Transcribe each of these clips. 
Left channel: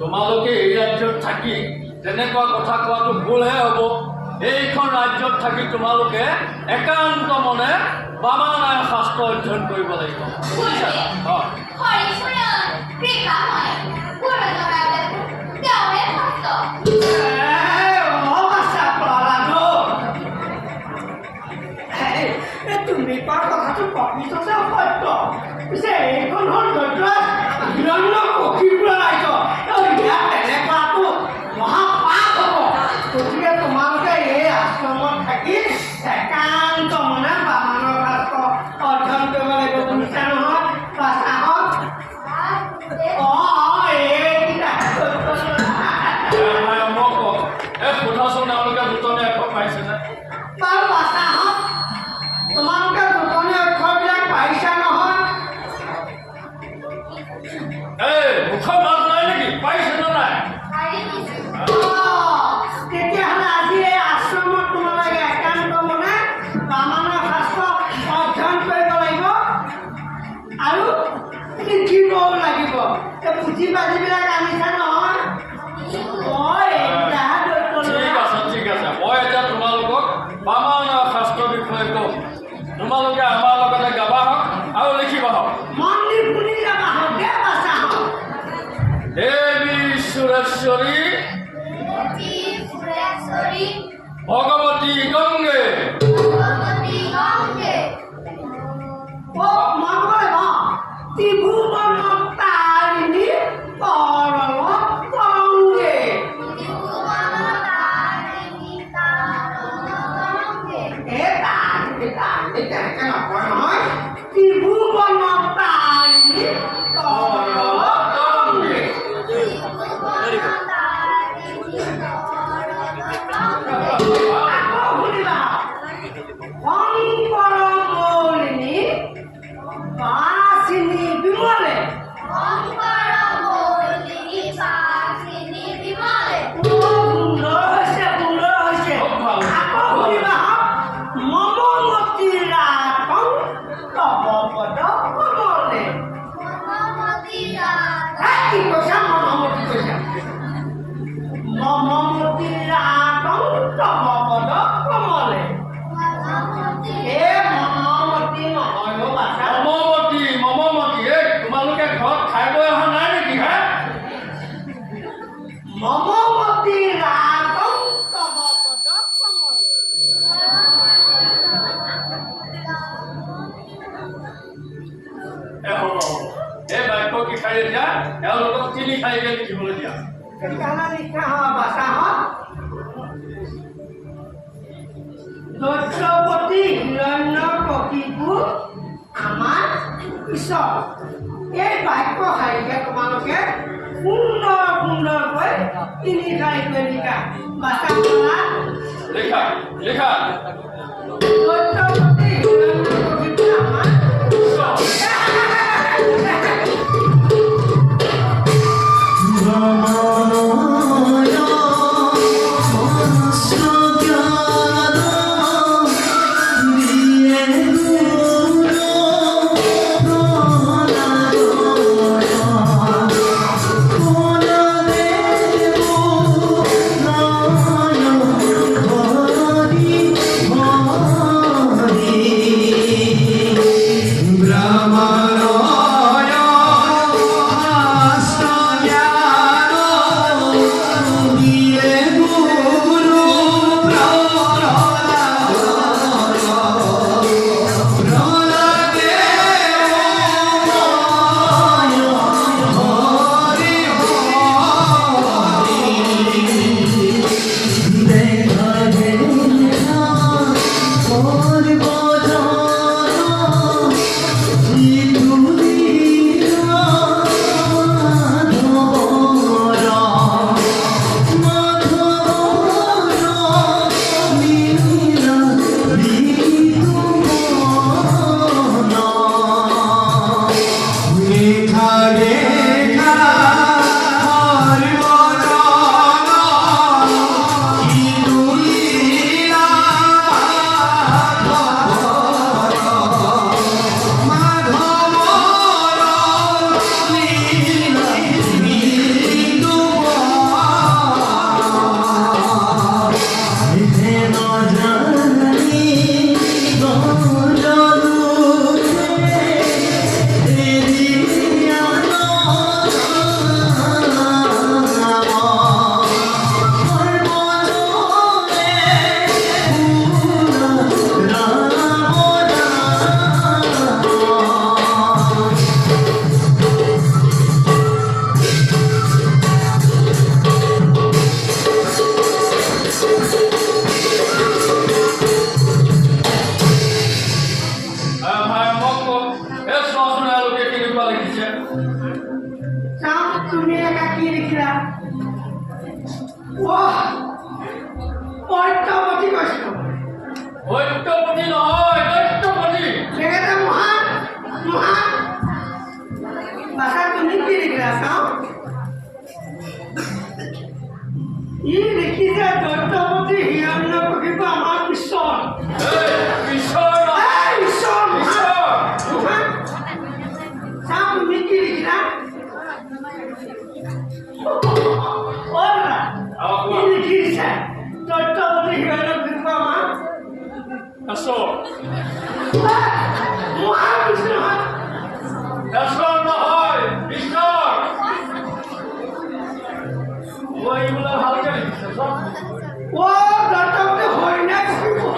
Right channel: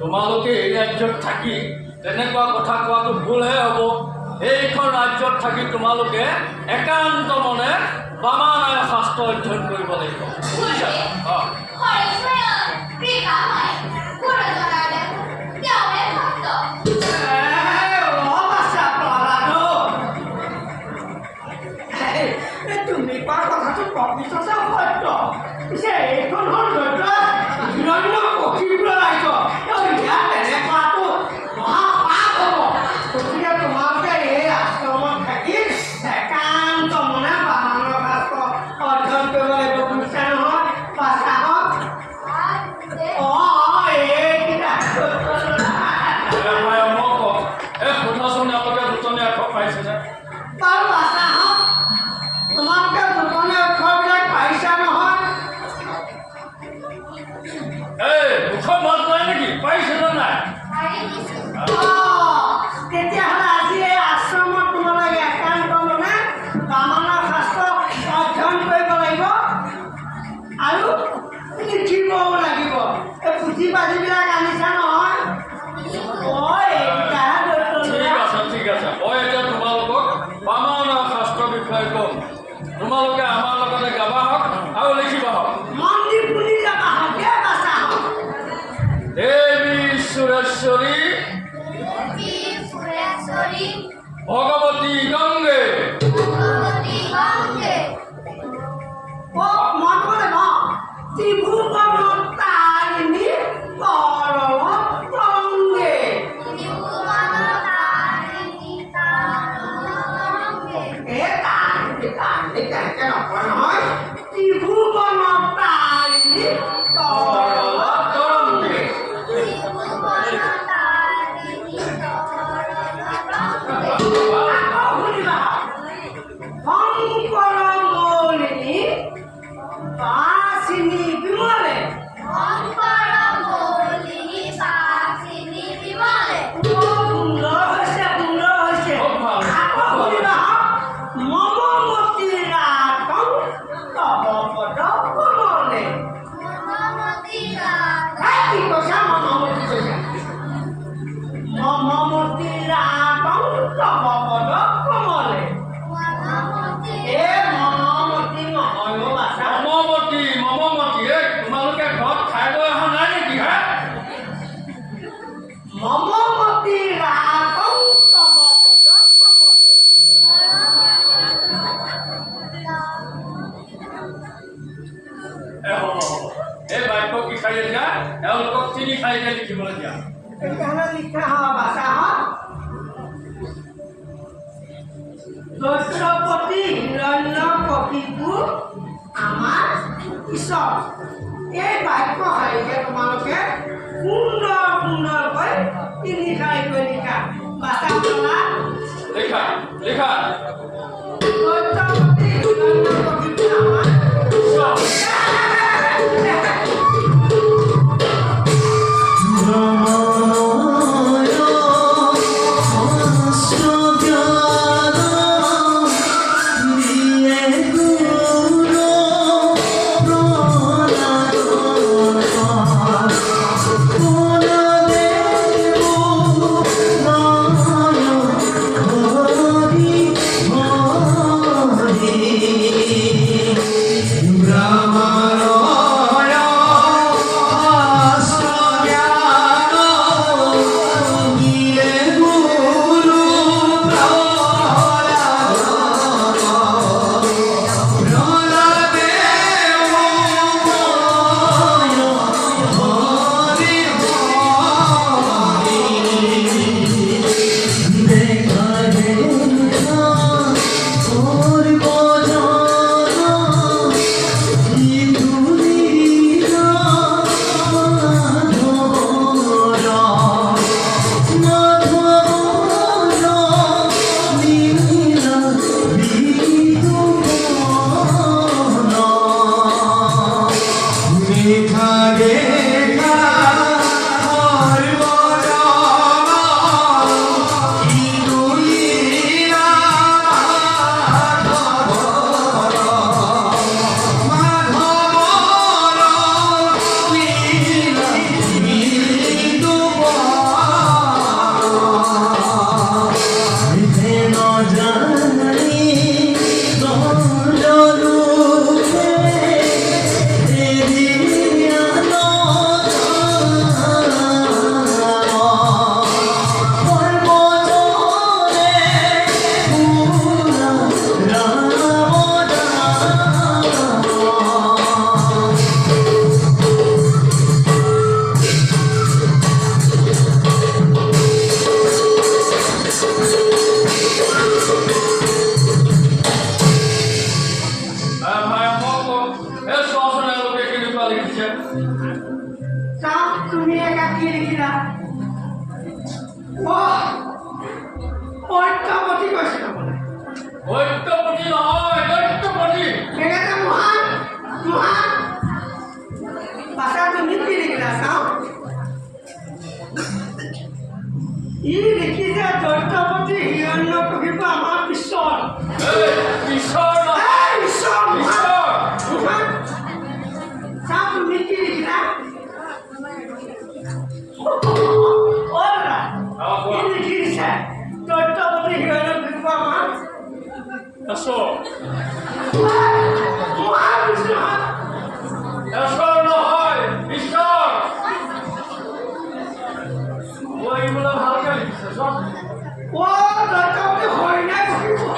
তোমালোকে এই ৰাজ্যত থাকি তেনেকুৱা কথা কোৱাটো ভুলহে হ'ব। এইখন ৰাজ্যত থাকি তোমালোকে একান্ত মনে বামানায় শাস্ত্ৰ অধ্যয়ন কৰিব লাগিব, বুজিছা? তুমি কোৱা কথাটো প্ৰকৃততে সত্য। পিছে এইখন হ'ল হিৰণ্য কক্ষিপুৰ ৰাজ্য। ইয়াত তেনেকুৱাটো মহাপাপ হ'ব। গতিকে তোমালোকে এই আশ্ৰমত থাকি একান্ত মনে বামানৰ শাস্ত্ৰ অধ্যয়ন কৰিব লাগিব, বুজিছা নহয়? পাছাহত সোধাচোন আপোনালোকে দুজনে আখৰ পাইছেনে? বাৰু পাছাহত তোমালোকে দুজনে অক্ষৰবিলাক পাইছা নহয়? মুখৰ মাত নাই নেকি? পাইছেনে নাই? তেতিয়াহ'লে আজি এই আশ্ৰমত তোমালোকে একান্ত মনে বামানৰ শাস্ত্ৰ অধ্যয়ন কৰিব লাগিব আৰু লিখিবও লাগিব। এই পুথি পাতিবিলাক আনিছা নহয়? ঠিক আছে, মই এতিয়া তোমালোকক বামানৰ শাস্ত্ৰৰ বিষয়ে কম। তোমালোকে আমাৰ লগতে গাবা হওক আৰু লিখিবা হওক। মন্দিৰ বুলি যাবা হওক, দেৱী সুৰেশ্বৰী ভগৱতী গংগে ত্ৰিভুৱনতাৰিণী তৰল তৰংগে। তেনেকে নকয় নহয়, ত্ৰিভুৱনতাৰিণী তৰল তৰংগে। মৌলিনী বাসিনী বিমলে সুন্দৰ হৈছে আকৌ শুনিবা মমমতী ৰাতং তব পদ কমলে কি কৈছা মমমতী কৈছা মমমতী ৰাতং তব পদ কমলে মমমতী নহয় অ' বাছা মমমতী তোমালোকে ঘৰত খাই বৈ অহা নাই নেকি হে মমমতী ৰাতং তব পদ কমলে এই বাক্য কি খাই দিয়া এওঁলোকক তিনি খাইকে লিখিবলৈ দিয়া তেতিয়াহ'লে লিখা হয় বাছা হয় দৈত্যপতি হিৰণ্যকশিপু আমাৰ ঈশ্বৰ এই বাক্য শাৰীকে তোমালোকে সুন্দৰকৈ তিনি শাৰীকৈ লিখা বাছা লিখা লিখা দৈত্যপতি হিৰণ্যকশিপু আমাৰ ঈশ্বৰ তুমি একা কি লিখিলা দৈত্যপতি কৈছিলো দৈত্যপতি নহয় দৈত্যপতি সেনেকে মহান বাছা তুমি কি লিখিলা চাওঁ ই লিখিছে দৈত্যপতি হিৰণ্যকশিপু আমাৰ ঈশ্বৰ ঈশ্বৰ চাওঁ তুমি কি লিখিলা লিখিছে দৈত্যপতি হিৰণ্যকশিপু আমাৰ ঈশ্বৰ নহয় ঈশ্বৰ এইগুলো ভালকে লিখিছে সব দৈত্যপতি হৰিণা কশিপু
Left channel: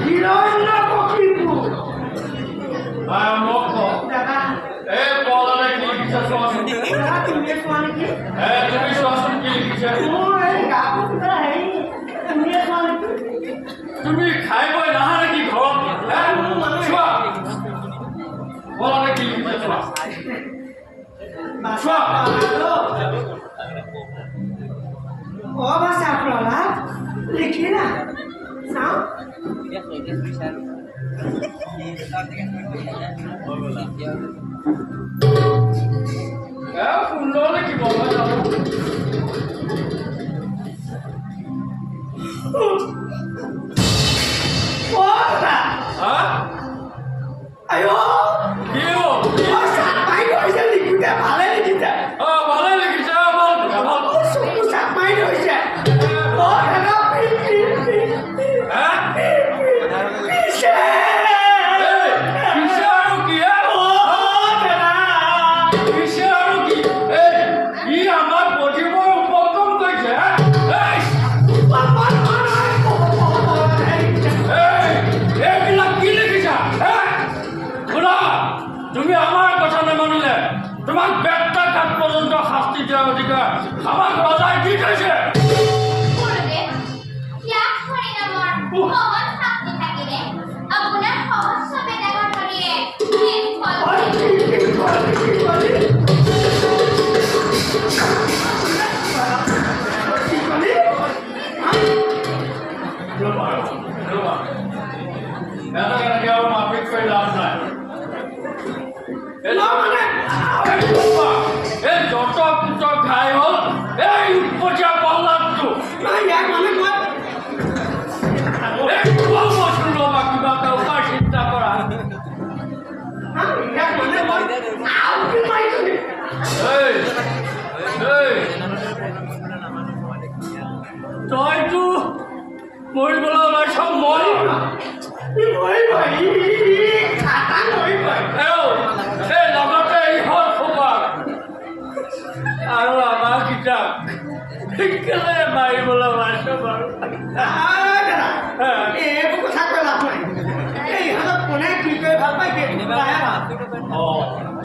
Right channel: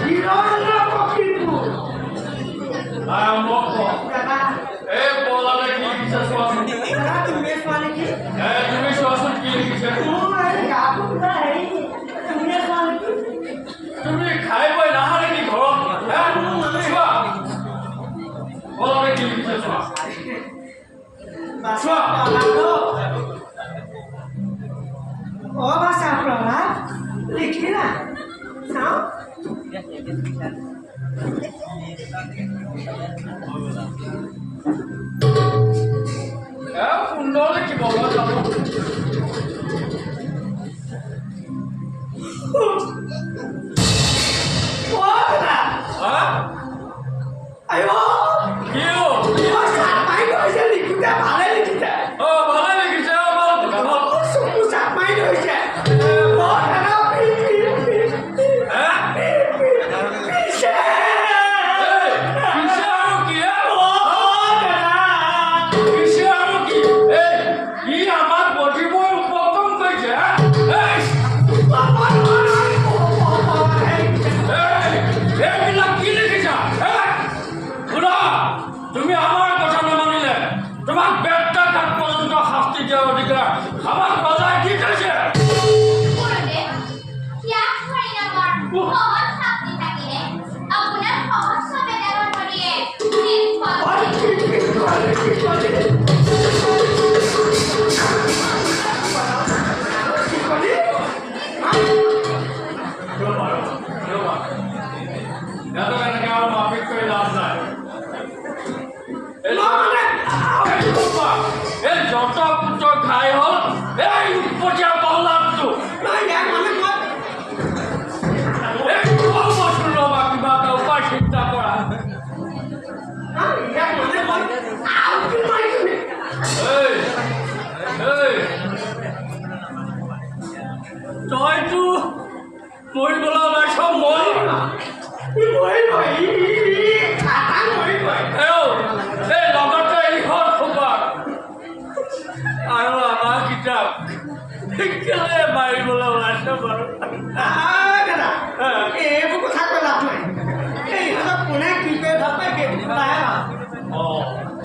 হিৰণ্যকশিপু মোক এই বলনে কি লিখিছে চোৱাচোন তুমি চোৱা নেকি তুমি চোৱাচোন কি লিখিছে তুমি খাই বৈ নাহা নেকি ঘৰত চোৱা বলনে কি লিখিছে চোৱা চাওঁ সুন্দৰ দেখিব মই জানো হা আইও কি হ'ল? চাকমাই গৈছে লিখিছে ভালে লিখিছে ভালে লিখিছে ভাল ভাল চকু চাকমাই গৈছে তুমি আমার কথা নামানিলে তোমাক বেটা ঘাট পর্যন্ত শাস্তি দেওয়ার অধিকার আমার রজায় কি কৈছে মাফিক করে লাভ নাই এই যত পুত ঘাই হল এই উৎপতীয়া প্ৰহ্লাদটো ৰবা কিবা এটা উপায় চিন্তা কৰা তইতো মৰিবলৈ ওলাইছ মই এই লগতে ইহঁত সোপাক আৰু আমাৰ কিতাপ কেলে মাৰিবলৈ ওলাইছ বাৰু এইবোৰ কথা কৈ লাভ নাই এই ইহঁতক কোনে কি কৰি ভাল পায় সেইটো কথাহে ভাল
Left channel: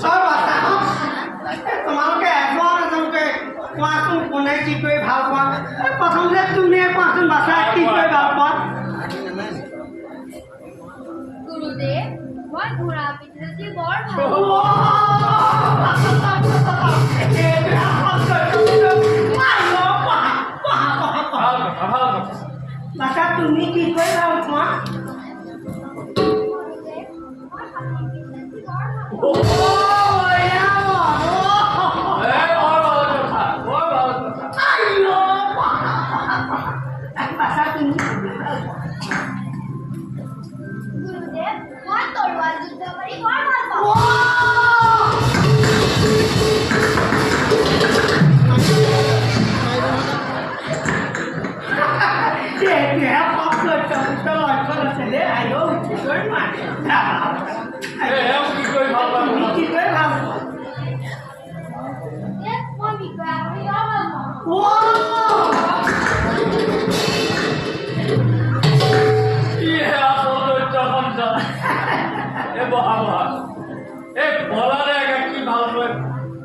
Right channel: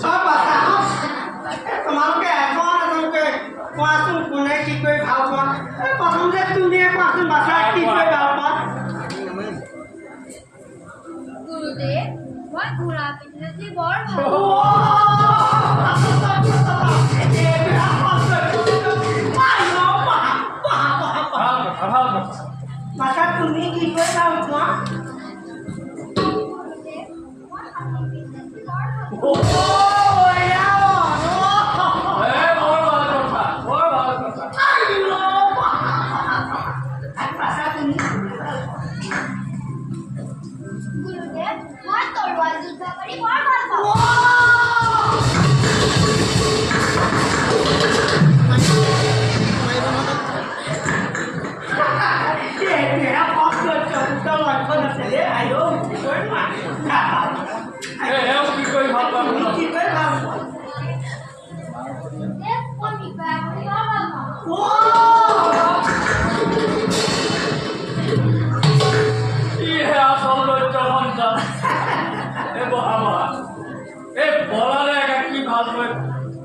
চব বাচ্চা তোমালোকে এজনকে কোৱাচোন কোনে কি কৰি ভাল পোৱা প্ৰথম যে তুমিয়ে কোৱাচোন বাচ্চা কি কৰি ভাল পোৱা গুৰুদেৱ মই ঘোঁৰা পিঠিতে বৰ ভাল বাচ্চা তুমি কি কৰি ভাল পোৱা গুৰুদেৱ মই তৰোৱাল যুদ্ধ কৰি বৰ ভাল পাওঁ মই বিষয়া কৰি বৰ ভাল পাওঁ কি ভাল পায়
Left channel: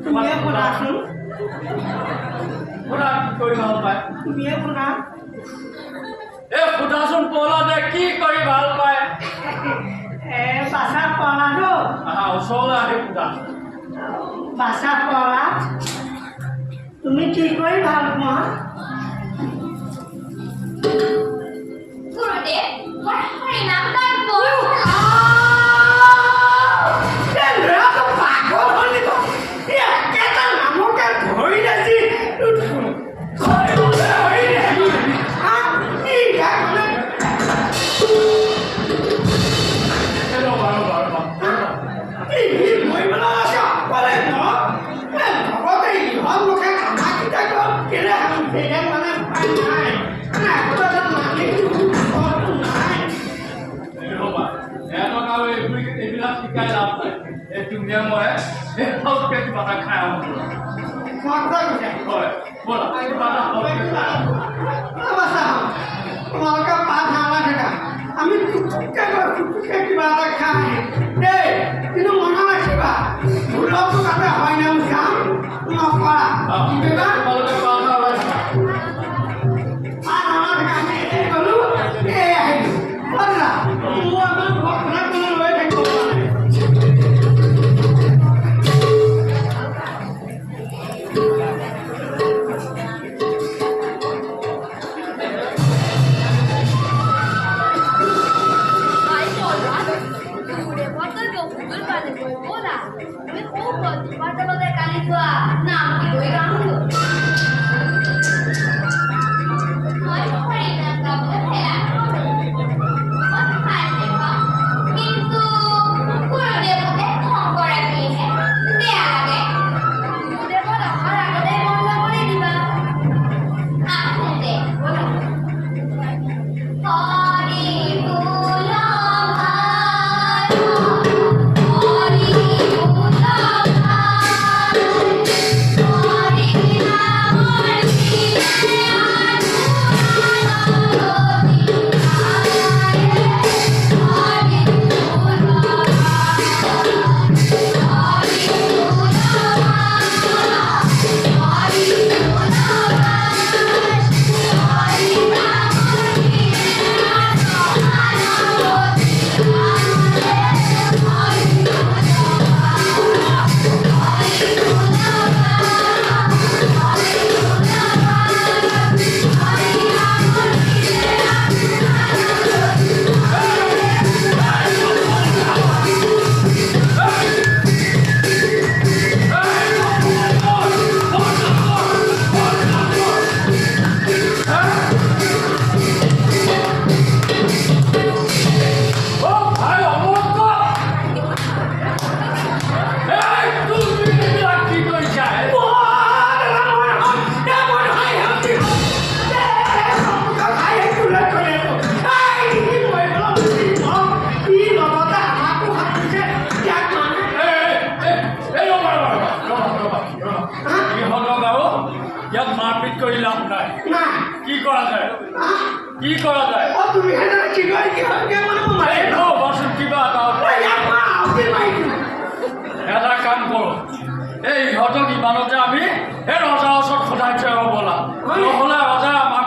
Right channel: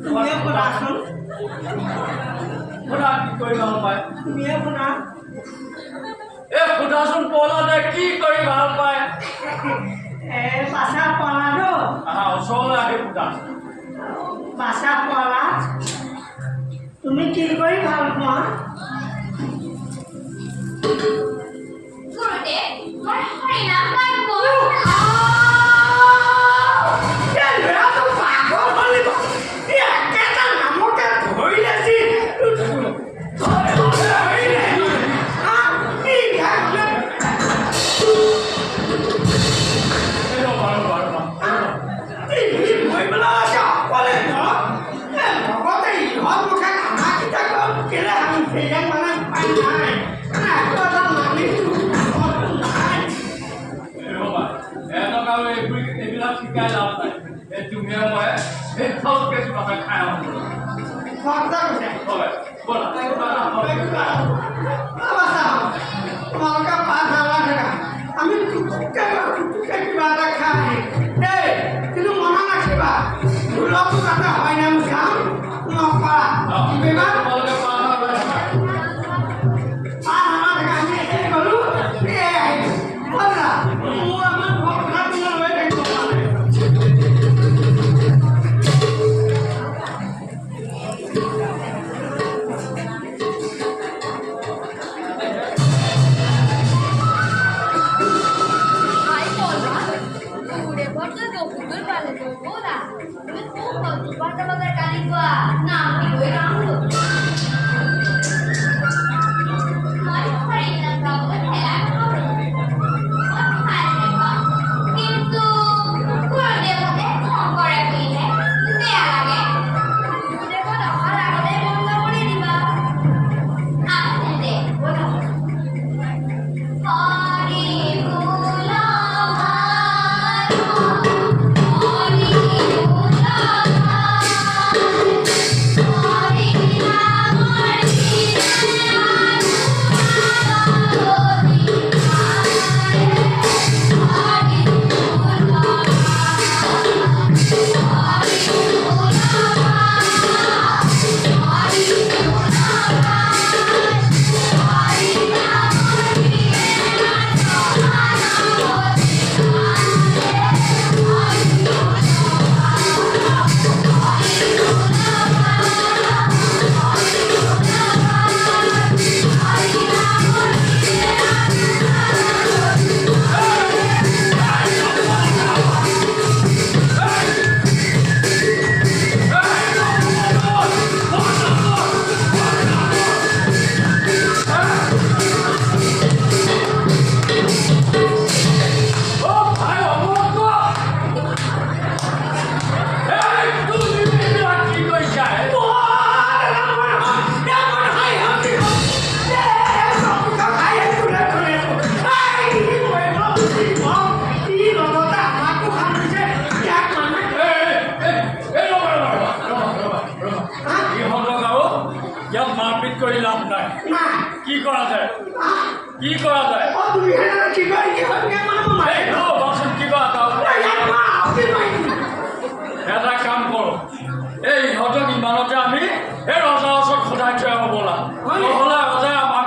তুমিয়ে শুনাচোন শুনা কি কৰি ভাল পায় তুমিয়ে শুনা শুনাচোন প্ৰহ্লাদে কি কৰি ভাল পায় বাচা পলাটো ওচৰলৈ আহি শুনা বাচা পলা তুমি কি কৰি ভাল পোৱা গুৰুদেৱ মই হৰিনাম গান কৰোঁ এইবিলাক শিকাই লাভ নাই তুমি মই ভালকে কিবা এটা খাই তোমালোকে পাঁচ হাজাৰ টকা আমি কিবা এটা খাই দেই কিন্তু মনত ৰাখিবা ভুলতো তাতে হয় নাম যাম নপৰা কিবা পালে গৈ ব'লা তুমি খুব বাটা বাটাৰ গালি গোৱা নাম কি গৈ গাঁও মই খৰি নাযাওঁ সেয়া কিন্তু গুৰুদেৱতে খং কৰে কিহে বেয়া লাগে গুৰুদেৱত অহাৰ আগতে বন্ধ কৰি দিবা আহোঁ দে ব'লা হৰি বোল হৰি বোল হৰি নামৰ দিনে ইয়াত মাৰপিট কৰি লাভ নাই কি কৰা যায় বচোন কিবা এটা কাম কৰোঁ এই ইহঁতক ইমানতে আমি এই ৰজাৰ ওচৰত সদায় থৈ আহিব ব'লা নহ'লে ৰজাই আমাক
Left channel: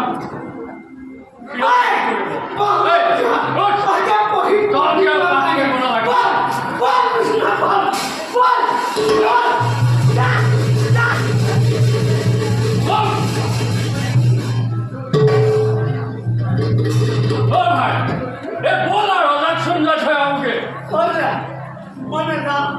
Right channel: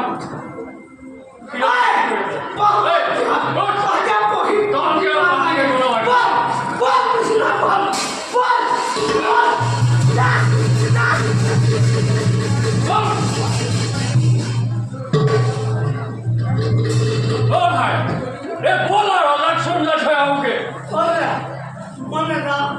মই নাযাওঁ